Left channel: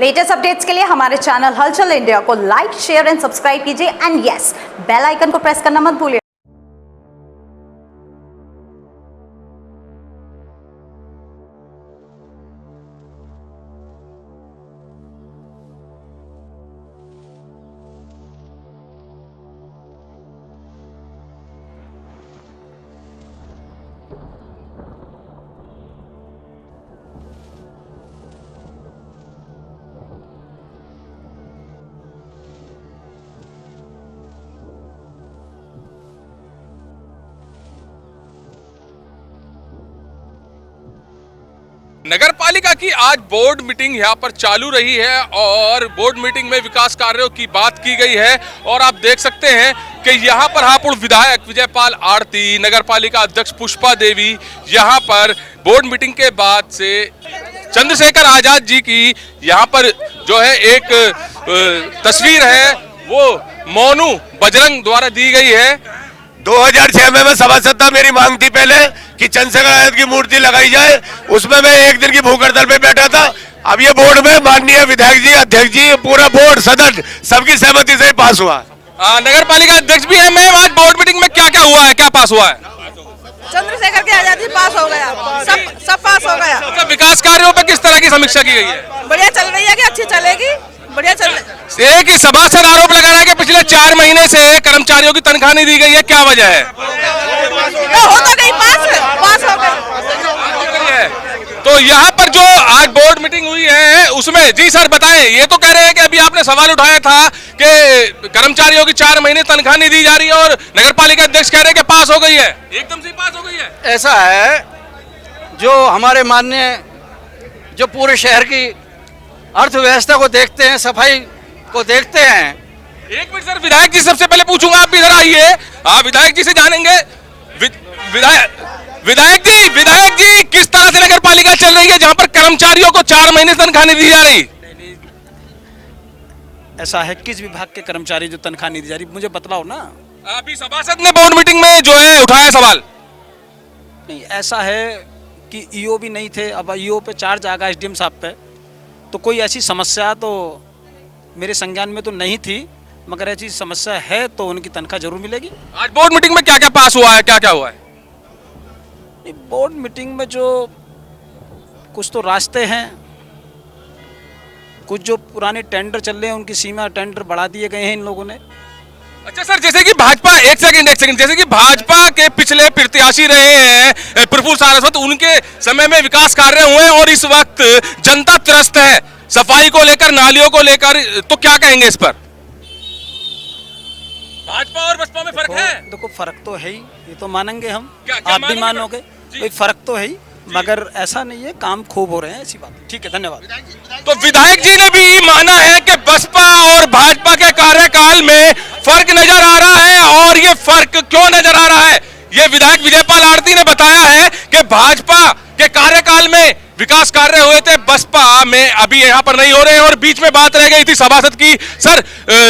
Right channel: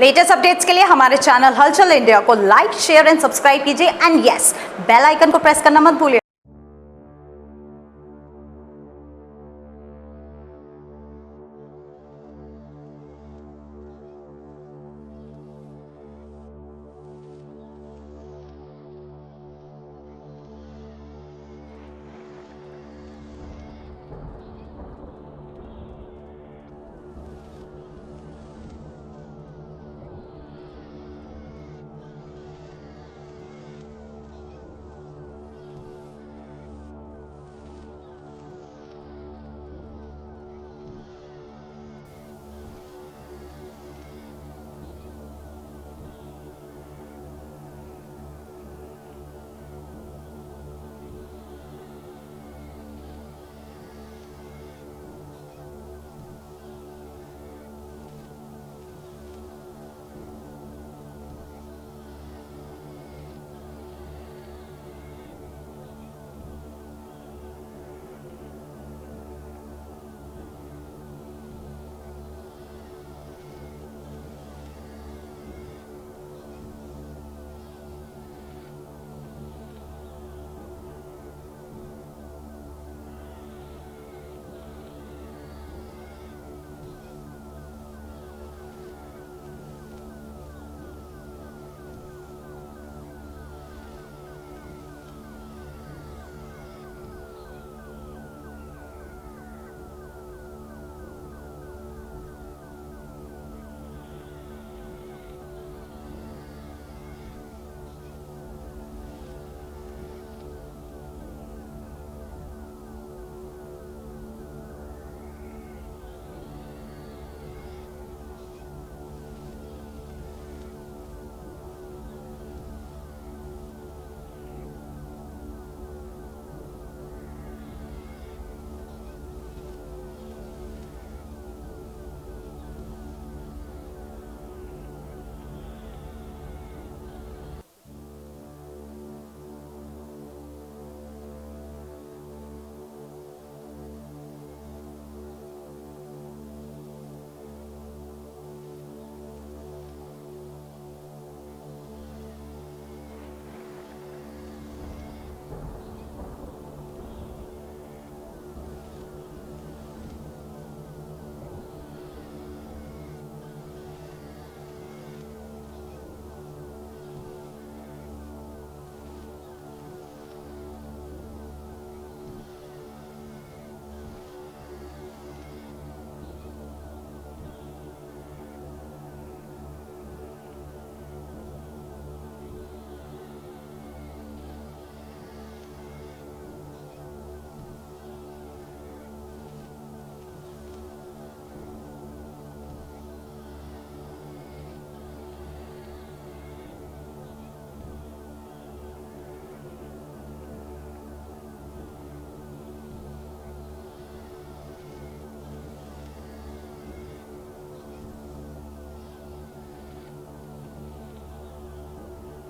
Latest updates के लिए हमारे चैनल हलचल इंडिया को लाइक, शेयर एंड सब्सक्राइब कीजिए एंड यस, बेल आइकन को प्रेस करना मत भूलिए। नगर पालिका की आज बोर्ड मीटिंग यहाँ पर चालू रही है और बोर्ड मीटिंग में विकास कार्यों की बात की गई है। और आप देख सकते हैं कि यहाँ पर हापुड़ विधायक विजयपाल आरती, नगर पालिका अध्यक्ष पुष्पा देवी यहाँ पर बोर्ड मीटिंग के बाद से चंद्रशेखर आजाद जी की यहाँ पर जो है एक तस्वीर है वो मोनू बजरंग द्वारा दी गई है। 2006 में मैं सभासद था। मेरी मांग थी पहले कि चंद्रशेखर आजाद की मूर्ति लगाई जाए, उसमें मैं एक दिन की भूख हड़ताल पे बैठा था। अब ये बोर्ड में माननीय विधायक जी, अध्यक्ष जी, पूरा बोर्ड सदन सबकी सहमति से पास हुआ। नगर पालिका अध्यक्ष भी है। मैम, आज बोर्ड मीटिंग में क्या क्या हुआ है, क्या पास हुआ है? चंद्रशेखर की आजादी पास हो गया, सब पास हो गया। तो विकास कार्यों पर किस तरह की समीक्षा की गई है? बढ़िया चल रही है कि अच्छी चलेगी, बढ़िया चल रही है। एक ही सभासद आरोप लगा रहा है कि पिछले 4 महीने से कर्मचारियों की तनख्वाह नहीं दी गई है, क्या वजह है? तो हो तो गई, पास हो गई। तो यहाँ पर जो आज बोर्ड मीटिंग हुई है उसमें जी सर बताएं, ये तो कह रहे हैं कि अभी आपने सवाल उठाया था कि कर्मचारियों की 4 महीने तनख्वाह नहीं दी जा रही है और नगर पालिका अध्यक्ष कह रहे हैं कि पास हो गई है, एकदम से पास हो गई है। ऐसा है, जो हमारे माननीय जो पूरे शहर की अर्थव्यवस्था को देखते हैं, सफाई को देखते हैं। एक मिनट सर, विधायक जी सबसे पहले पूछूंगा, आप भी इधर आइए, आप विधायक जी से जानेंगे। विधायक जी किस तरह से नगर पालिका चल रही है जहां पर कर्मचारियों को 4 महीने तनख्वाह नहीं दी जा रही? ऐसा है, किस विभाग के कर्मचारी जो तनख्वाह नहीं दी जा रही, मुझे बतलाओ ना। अभी सभासद ने बोर्ड मीटिंग में जो है उठाया सवाल। नहीं, ऐसा है कि ईओ भी नहीं थे, अब ईओ पे चार्ज आ गया एसडीएम साहब पे, तो कोई ऐसी समस्या तो मेरे संज्ञान में तो नहीं थी, मगर ऐसी समस्या है तो उनकी तनख्वाह जरूर मिलेगी। आज बोर्ड मीटिंग में क्या क्या पास हुआ है, क्या क्या हुआ है? बोर्ड मीटिंग में जो कुछ तो रास्ते हैं, कुछ जो पुराने टेंडर चल रहे हैं उनकी सीमा टेंडर बढ़ा दिए गए हैं इन लोगों ने। अच्छा सर, जैसे कि भाजपा, एक सेकंड, जैसे कि भाजपा के पिछले प्रत्याशी रहे हैं प्रफुल्ल सारस्वत, उनके समय में विकास कार्य हुए और इस वक्त जनता त्रस्त है सफाई को लेकर, नालियों को लेकर, तो क्या कहेंगे इस पर? भाजपा और बसपा में फर्क है? देखो, फर्क तो है ही, ये तो मानेंगे हम, क्या आप भी मानोगे, कोई फर्क तो है ही, मगर ऐसा नहीं है काम खूब हो रहे हैं, ऐसी बात। ठीक है, धन्यवाद। तो विधायक जी ने भी माना है कि बसपा और भाजपा के कार्यकाल में फर्क नजर आ रहा है, और ये फर्क क्यों नजर आ रहा है ये विधायक विजयपाल आरती ने बताया है कि भाजपा के कार्यकाल में विकास कार्य हुए थे, बसपा में अभी यहाँ पर नहीं हो रहे हैं। और बीच में बात रह गई थी सभासद की, सर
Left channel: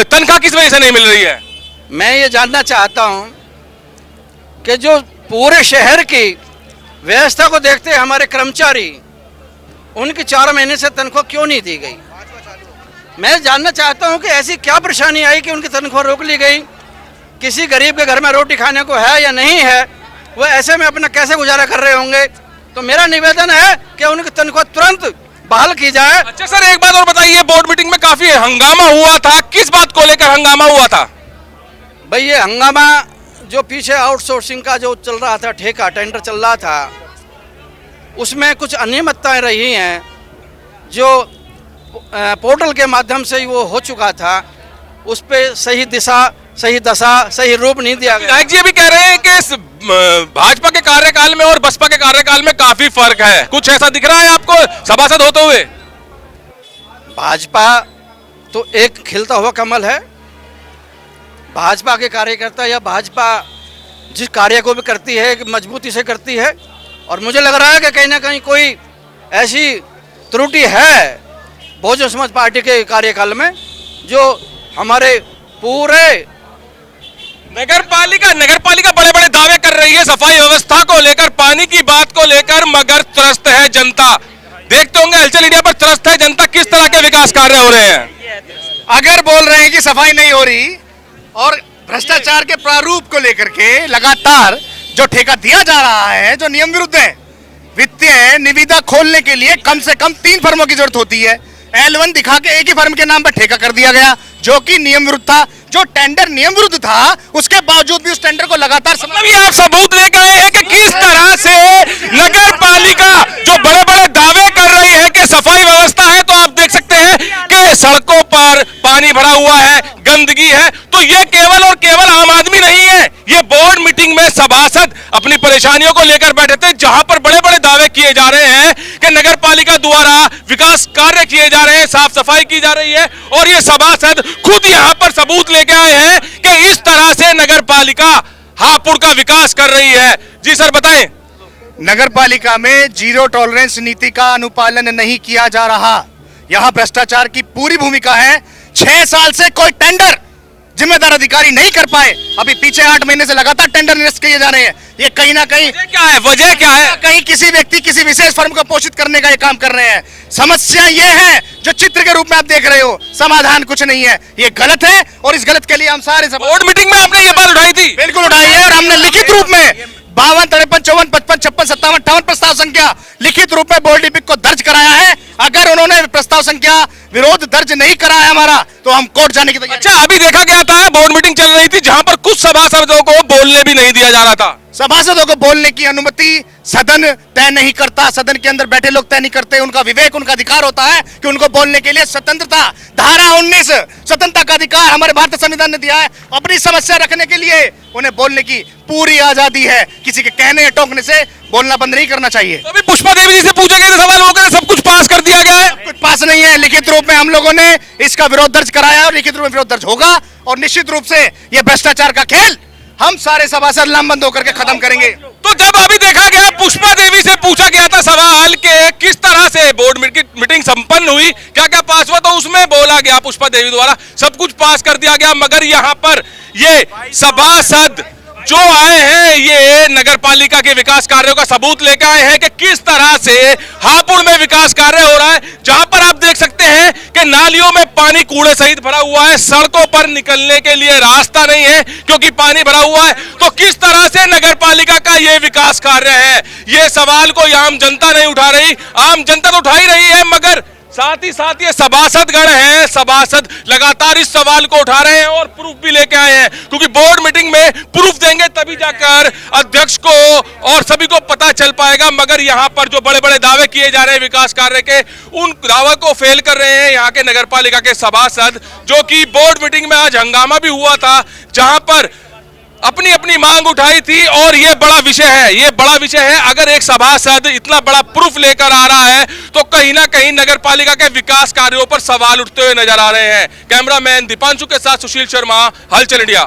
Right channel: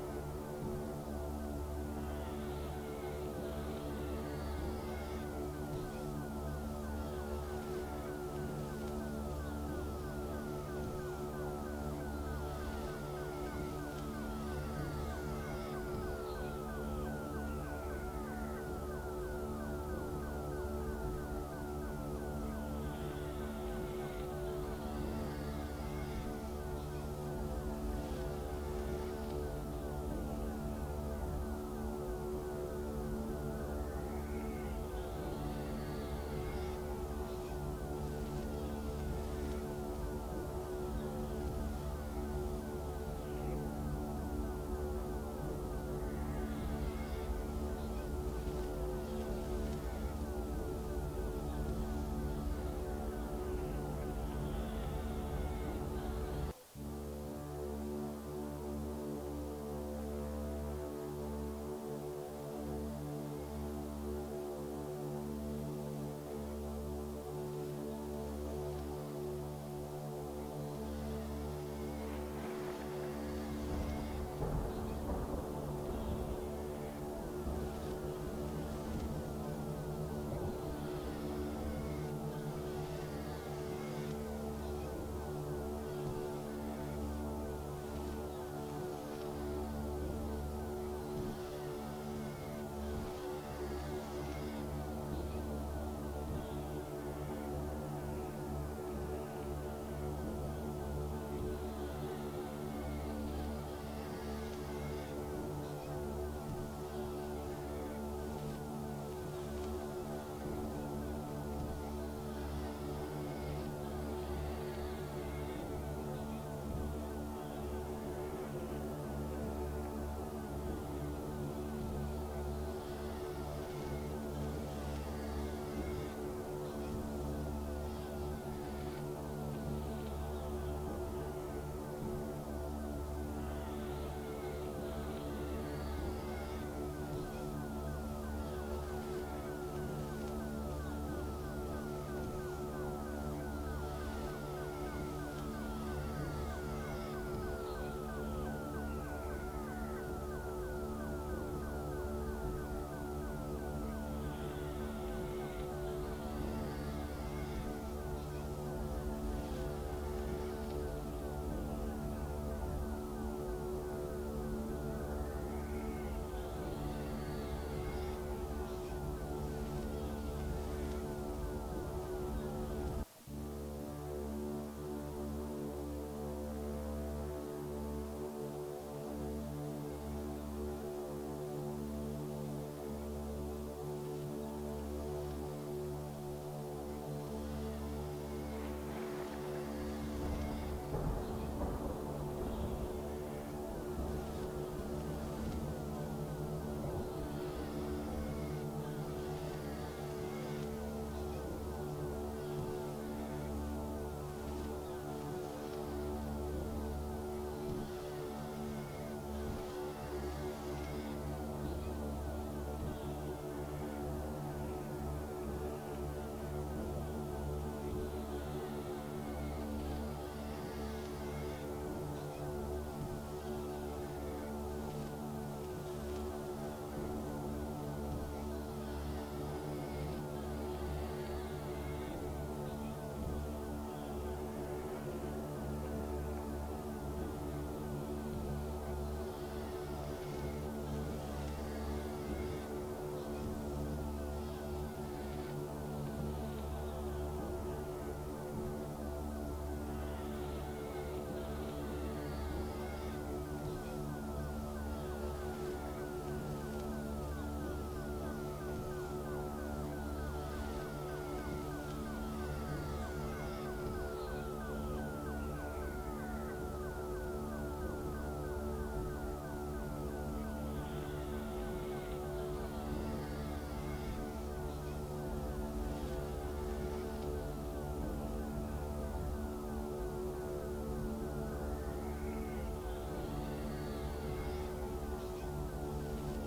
तनख्वाह किस वजह से नहीं मिल रही है? मैं ये जानना चाहता हूँ कि जो पूरे शहर की व्यवस्था को देखते हैं हमारे कर्मचारी, उनकी 4 महीने से तनख्वाह क्यों नहीं दी गई? मैं जानना चाहता हूं कि ऐसी क्या परेशानी आई कि उनकी तनख्वाह रोक ली गई। किसी गरीब के घर में रोटी खाने को है या नहीं है, वो ऐसे में अपना कैसे गुजारा कर रहे होंगे। तो मेरा निवेदन है कि उनकी तनख्वाह तुरंत बहाल की जाए। अच्छा सर, एक बात और बताइए, बोर्ड मीटिंग में काफी हंगामा हुआ था, किस बात को लेकर हंगामा हुआ था? भाई, ये हंगामा जो पीछे आउटसोर्सिंग का जो चल रहा था, ठेका टेंडर चल रहा था, उसमें कुछ अनियमितताएं रही हैं, जो पोर्टल के माध्यम से ही वो हो चुका था, उस पे सही दिशा, सही दशा, सही रूप नहीं दिया गया। विधायक जी अभी कह रहे हैं कि भाजपा के कार्यकाल में और बसपा के कार्यकाल में काफी फर्क है, कुछ ऐसा दिख रहा है आपको सभासद होते हुए? भाजपा तो एक खिलता हुआ कमल है। भाजपा के कार्यकर्ता या भाजपा जिस कार्य को भी करती है मजबूती से करती है, और मुझे लग रहा है कि कहीं ना कहीं कोई ऐसी त्रुटि है बहुजन समाज पार्टी के कार्यकाल में जो हमारे पूरे नगर पालिका बड़े बड़े दावे कर रही है सफाई व्यवस्था को लेकर, पानी की बात को लेकर, मगर त्रस्त है जनता। देखते होंगे हलचल इंडिया पर त्रस्त है जनता, किस तरह के विकास कार्य हो रहे हैं? अगर बोल रहे हैं कि सफाई नहीं हो रही और भ्रष्टाचार के प्रारूप को लेकर के लगातार जो ठेका दिया जा रहा है, जो नियम विरुद्ध है, वित्तीय निविदा खोलने के लिए कम से कम 3 फर्मों की जरूरत होती है। L1 दिखा के एक ही फर्म के नाम पर ठेका कर दिया गया, जो कि नियम विरुद्ध था। जो टेंडर नियम विरुद्ध था, उसके बावजूद भी उस टेंडर को लगातार मतलब ये आप सबूत लेकर आए हैं कि किस तरह से नगर पालिका जो बड़े बड़े दावे कर रही है कि सफाई व्यवस्था है, तो आप देख सकते हैं कि सड़कों पर पानी भरा हुआ है, गंदगी है। तो ये केवल और केवल आम आदमी नहीं है, ये बोर्ड मीटिंग में सभासद अपनी परेशानियों को लेकर बैठे थे, जहां पर बड़े बड़े दावे किए जा रहे हैं कि नगर पालिका द्वारा विकास कार्य किए जा रहे हैं, साफ सफाई की जा रही है, और ये सभासद खुद यहां पर सबूत लेके आए हैं कि इस तरह से नगर पालिका हापुड़ का विकास कर रही है। जी सर बताएं। नगर पालिका में जीरो टॉलरेंस नीति का अनुपालन नहीं किया जा रहा। यहां भ्रष्टाचार की पूरी भूमिका है। 6 साल से कोई टेंडर जिम्मेदार अधिकारी नहीं कर पाए। अभी पीछे 8 महीने से लगातार टेंडर निरस्त किए जा रहे हैं। ये कहीं ना कहीं वजह क्या है? कहीं किसी व्यक्ति, किसी विशेष फर्म को पोषित करने का ये काम कर रहे हैं। समस्या ये है जो चित्र के रूप में आप देख रहे हो, समाधान कुछ नहीं है। ये गलत है और इस गलत के लिए हम सारे बोर्ड मीटिंग में आपने ये बात उठाई थी? बिल्कुल उठाई है, और हमने लिखित रूप में 52, 53, 54, 55, 56, 57, 58 प्रस्ताव संख्या लिखित रूप में बोर्ड लिपिक को दर्ज कराया है। अगर उन्होंने प्रस्ताव संख्या विरोध दर्ज नहीं कराया हमारा, तो हम कोर्ट जाने की तैयारी। अच्छा, अभी देखा गया था बोर्ड मीटिंग चल रही थी जहां पर कुछ सभासदों को बोलने भी नहीं दिया जा रहा था। सभासदों को बोलने की अनुमति सदन तय नहीं करता, सदन के अंदर बैठे लोग तय नहीं करते। उनका विवेक, उनका अधिकार होता है कि उनको बोलने के लिए स्वतंत्रता, धारा 19 स्वतंत्रता का अधिकार हमारे भारतीय संविधान ने दिया है। अपनी समस्या रखने के लिए उन्हें बोलने की पूरी आजादी है। किसी के कहने या टोकने से बोलना बंद नहीं करना चाहिए। तो अभी पुष्पा देवी जी से पूछे गए थे सवाल, वो कहते सब कुछ पास कर दिया गया है। कुछ पास नहीं है, लिखित रूप में हम लोगों ने इसका विरोध दर्ज कराया और लिखित रूप में विरोध दर्ज होगा, और निश्चित रूप से यह भ्रष्टाचार का खेल हम सारे सभासद लामबंद होकर के खत्म करेंगे। तो जब अभी देखा गया, पुष्पा देवी से पूछा गया था सवाल के किस तरह से बोर्ड मीटिंग संपन्न हुई, क्या क्या पास हुआ, तो उसमें बोला गया पुष्पा देवी द्वारा सब कुछ पास कर दिया गया। मगर यहाँ पर ये सभासद जो आए हैं, ये नगर पालिका के विकास कार्यों का सबूत लेकर आए हैं कि किस तरह से हापुड़ में विकास कार्य हो रहा है, जहां पर आप देख सकते हैं कि नालियों में पानी कूड़े सहित भरा हुआ है, सड़कों पर निकलने के लिए रास्ता नहीं है क्योंकि पानी भरा हुआ है। तो किस तरह से नगर पालिका का ये विकास कार्य है, ये सवाल को आम जनता नहीं उठा रही। आम जनता तो उठा ही रही है, मगर साथ ही साथ ये सभासदगण हैं, सभासद लगातार इस सवाल को उठा रहे हैं और प्रूफ भी लेके आए हैं, क्योंकि बोर्ड मीटिंग में प्रूफ देंगे तभी जाकर अध्यक्ष को और सभी को पता चल पाएगा। मगर यहाँ पर जो बड़े बड़े दावे किए जा रहे हैं विकास कार्य के, उन दावे को फेल कर रहे हैं यहाँ के नगर पालिका के सभासद, जो कि बोर्ड मीटिंग में आज हंगामा भी हुआ था, जहां पर अपनी अपनी मांग उठाई थी। और ये बड़ा विषय है, ये बड़ा विषय है। अगर एक सभासद इतना बड़ा प्रूफ लेकर आ रहा है, तो कहीं ना कहीं नगर पालिका के विकास कार्यों पर सवाल उठते हुए नजर आ रहे हैं। कैमरामैन दीपांशु के साथ सुशील शर्मा, हलचल इंडिया।